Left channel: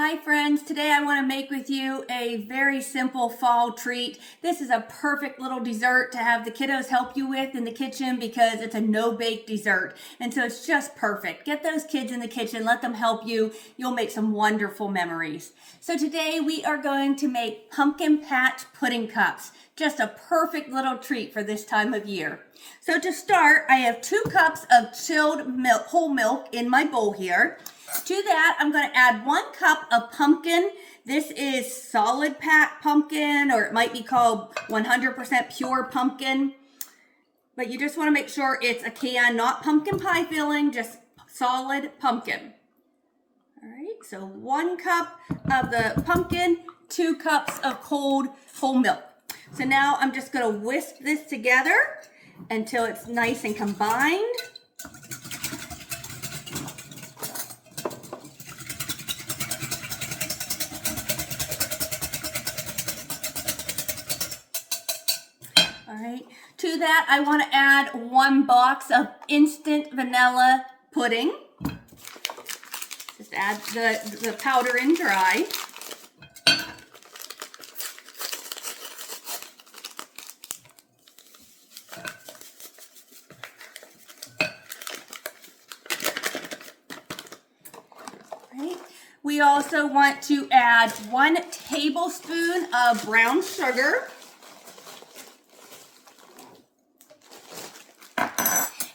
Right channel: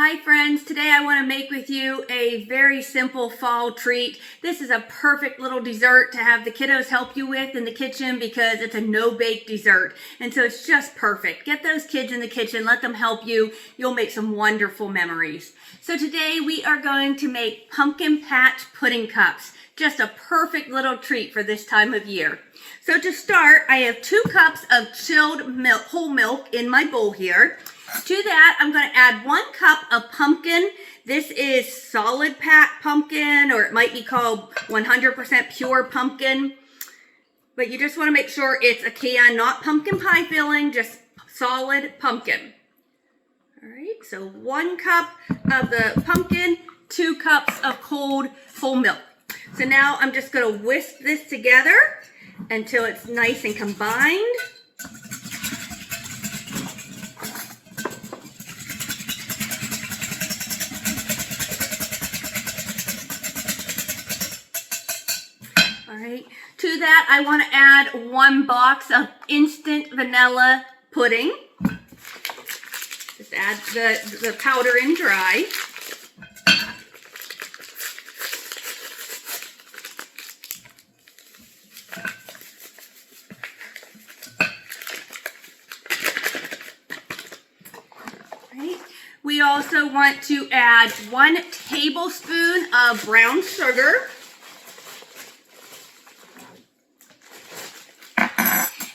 Hi friends, today I want to make with you a very simple fall treat. This is a perfect little dessert to have the kiddos help you with in the kitchen because it's a no-bake dessert. And so it's just perfect. Get those kids in the kitchen, let them help you. You'll make some wonderful memories. So today we are going to make pumpkin patch pudding cups. Just a perfect little treat for this time of year. So to start, I have 2 cups of chilled milk, whole milk in my bowl here. To that, I'm going to add 1 cup of pumpkin. This is solid pumpkin, or it might be called 100% pure pumpkin. But you just want to make sure it's a can, not pumpkin pie filling, just solid pumpkin. All right, so 1 cup of the pumpkin, 2 cups of cold whole milk. So now I'm just going to whisk this together until it's nice and combined. To that, I want to add 1 box of instant vanilla pudding. Just add the powder in dry. Right. We also want to add 1 tablespoon of brown sugar.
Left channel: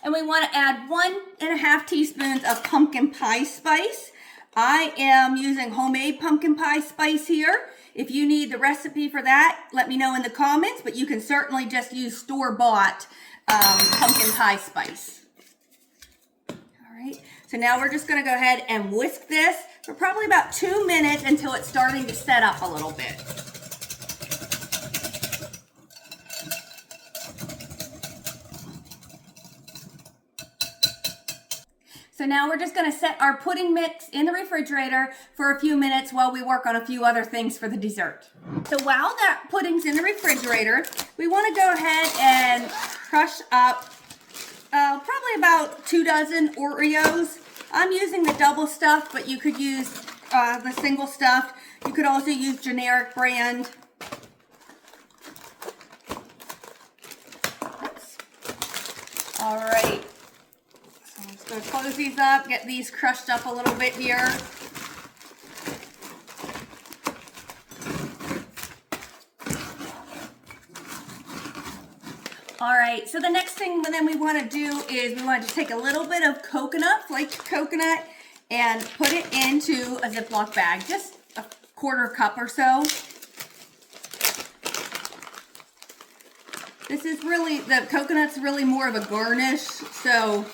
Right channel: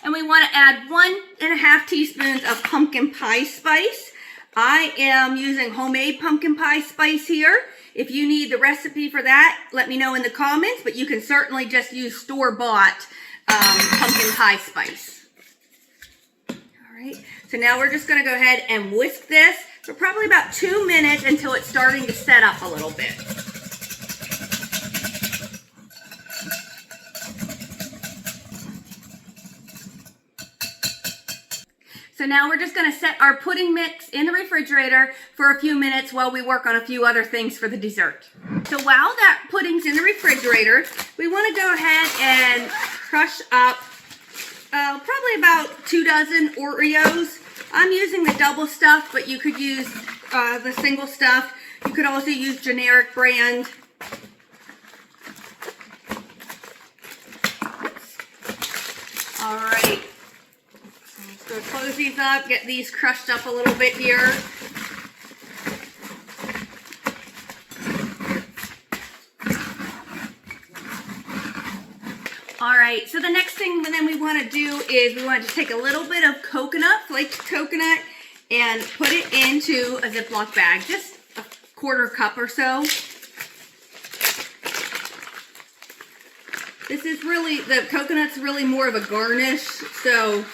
And we want to add 1½ teaspoons of pumpkin pie spice. I am using homemade pumpkin pie spice here. If you need the recipe for that, let me know in the comments, but you can certainly just use store-bought pumpkin pie spice. All right, so now we're just going to go ahead and whisk this for probably about 2 minutes until it's starting to set up a little bit. So now we're just going to set our pudding mix in the refrigerator for a few minutes while we work on a few other things for the dessert. So while that pudding's in the refrigerator, we want to go ahead and crush up probably about 2 dozen Oreos. I'm using the double stuff, but you could use the single stuff. You could also use generic brand. All right. So close these up, get these crushed up a little bit here. All right, so the next thing then we want to do is we want to take a little bit of coconut, flaked coconut, and put it into a Ziploc bag, just a 1/4 cup or so. This is really, the coconut's really more of a garnish, so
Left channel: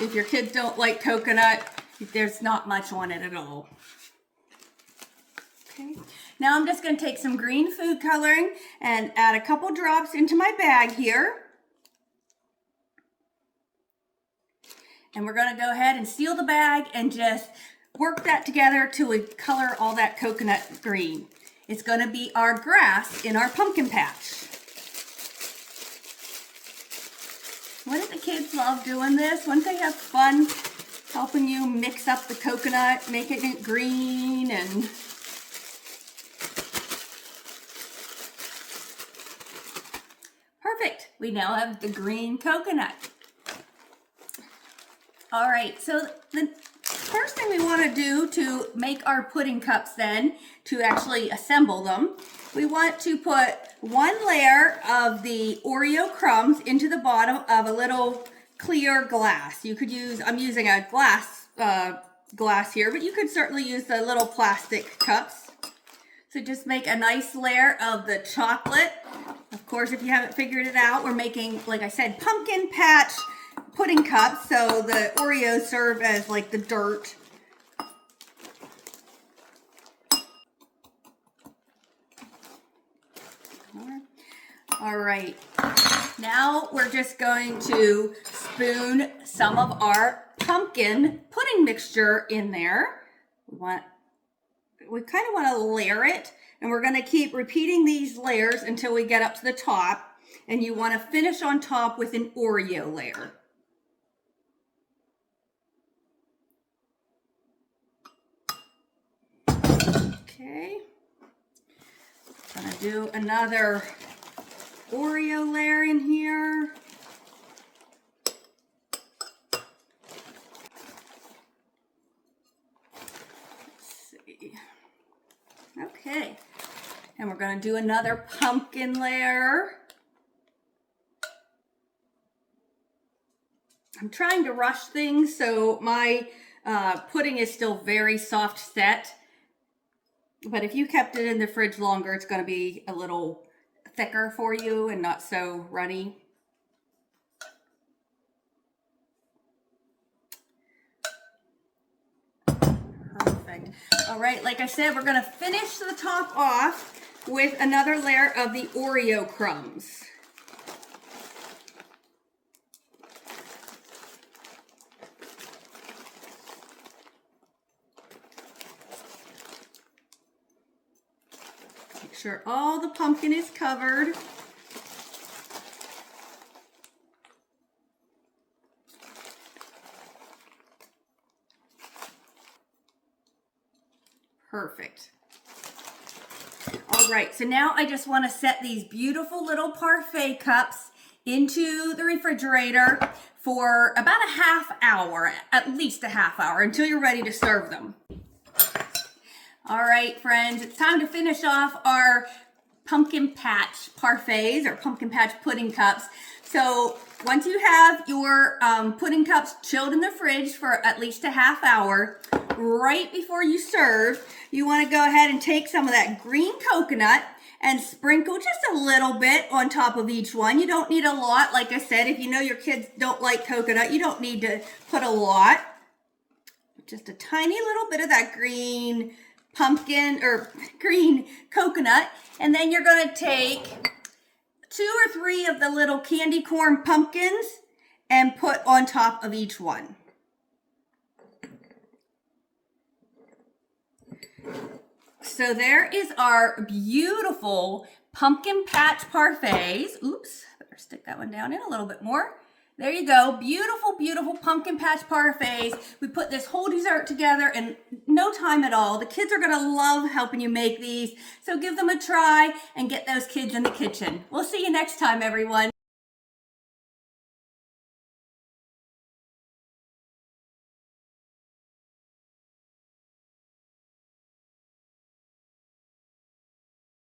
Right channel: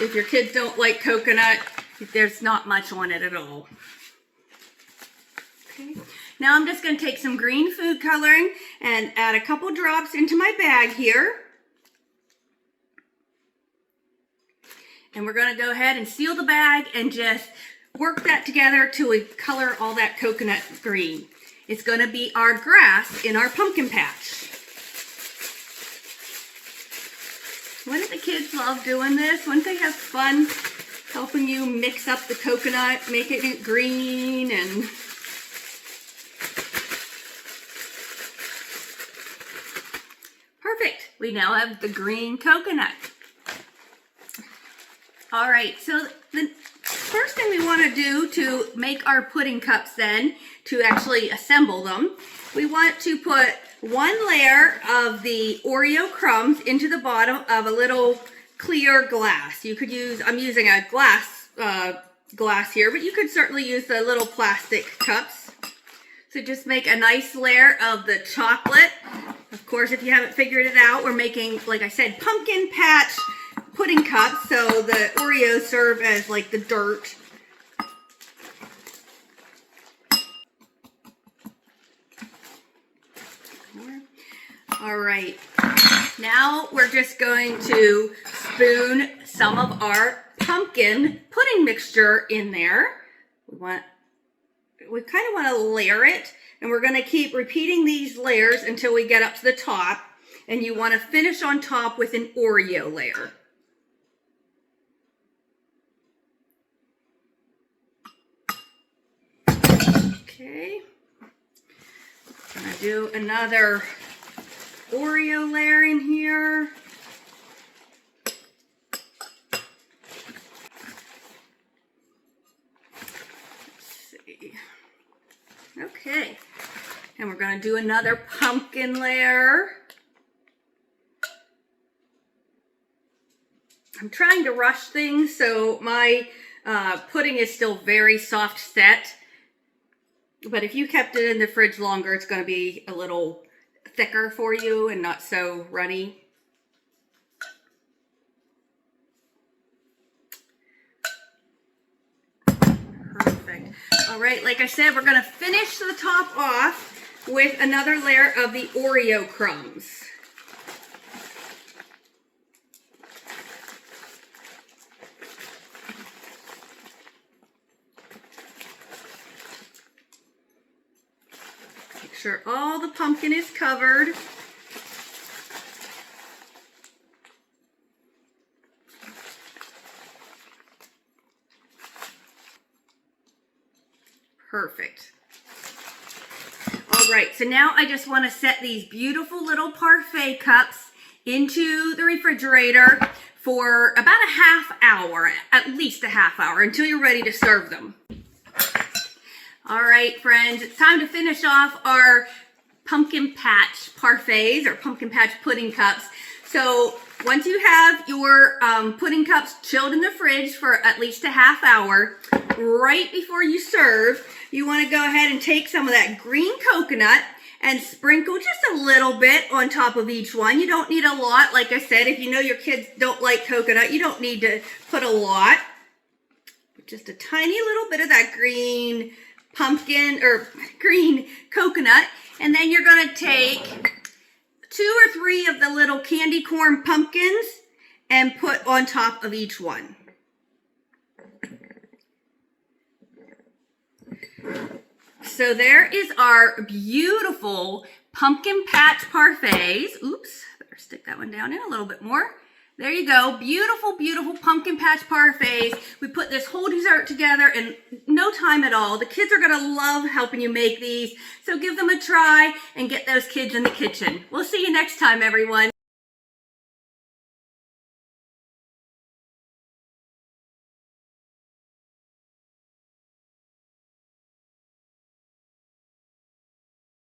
if your kids don't like coconut, there's not much on it at all. Okay. Now I'm just going to take some green food coloring and add a couple drops into my bag here. And we're going to go ahead and seal the bag and just work that together till we color all that coconut green. It's going to be our grass in our pumpkin patch. Wouldn't the kids love doing this? Wouldn't they have fun helping you mix up the coconut, making it green and... Perfect. We now have the green coconut. All right, so the first thing we want to do to make our pudding cups then, to actually assemble them, we want to put 1 layer of the Oreo crumbs into the bottom of a little clear glass. You could use, I'm using a glass here, but you could certainly use the little plastic cups. So just make a nice layer of the chocolate. Of course, if you haven't figured it out, we're making, like I said, pumpkin patch pudding cups. So the Oreos serve as like the dirt. All right, now we're just going to spoon some of our pumpkin pudding mixture in there. We kind of want to layer it, and we're going to keep repeating these layers until we get up to the top, and you want to finish on top with an Oreo layer. do another Oreo layer in here. Okay, and we're going to do another pumpkin layer. I'm trying to rush things, so my pudding is still very soft set. But if you kept it in the fridge longer, it's going to be a little thicker for you and not so runny. Perfect. All right, like I said, we're going to finish the top off with another layer of the Oreo crumbs. Make sure all the pumpkin is covered. Perfect. All right, so now I just want to set these beautiful little parfait cups into the refrigerator for about a half hour, at least a half hour, until you're ready to serve them. All right, friends, it's time to finish off our Pumpkin Patch Parfaits or Pumpkin Patch pudding cups. So once you have your pudding cups chilled in the fridge for at least a half hour, right before you serve, you want to go ahead and take some of that green coconut and sprinkle just a little bit on top of each one. You don't need a lot. Like I said, if you know your kids don't like coconut, you don't need to put a lot. Just a tiny little bit of that green pumpkin or green coconut. And then you're going to take 2 or 3 of the little candy corn pumpkins and put on top of each one. So there is our beautiful Pumpkin Patch Parfaits. Oops, better stick that one down in a little bit more. There you go. Beautiful, beautiful Pumpkin Patch Parfaits. We put this whole dessert together in no time at all. The kids are going to love helping you make these. So give them a try and get those kids in the kitchen. We'll see you next time, everyone.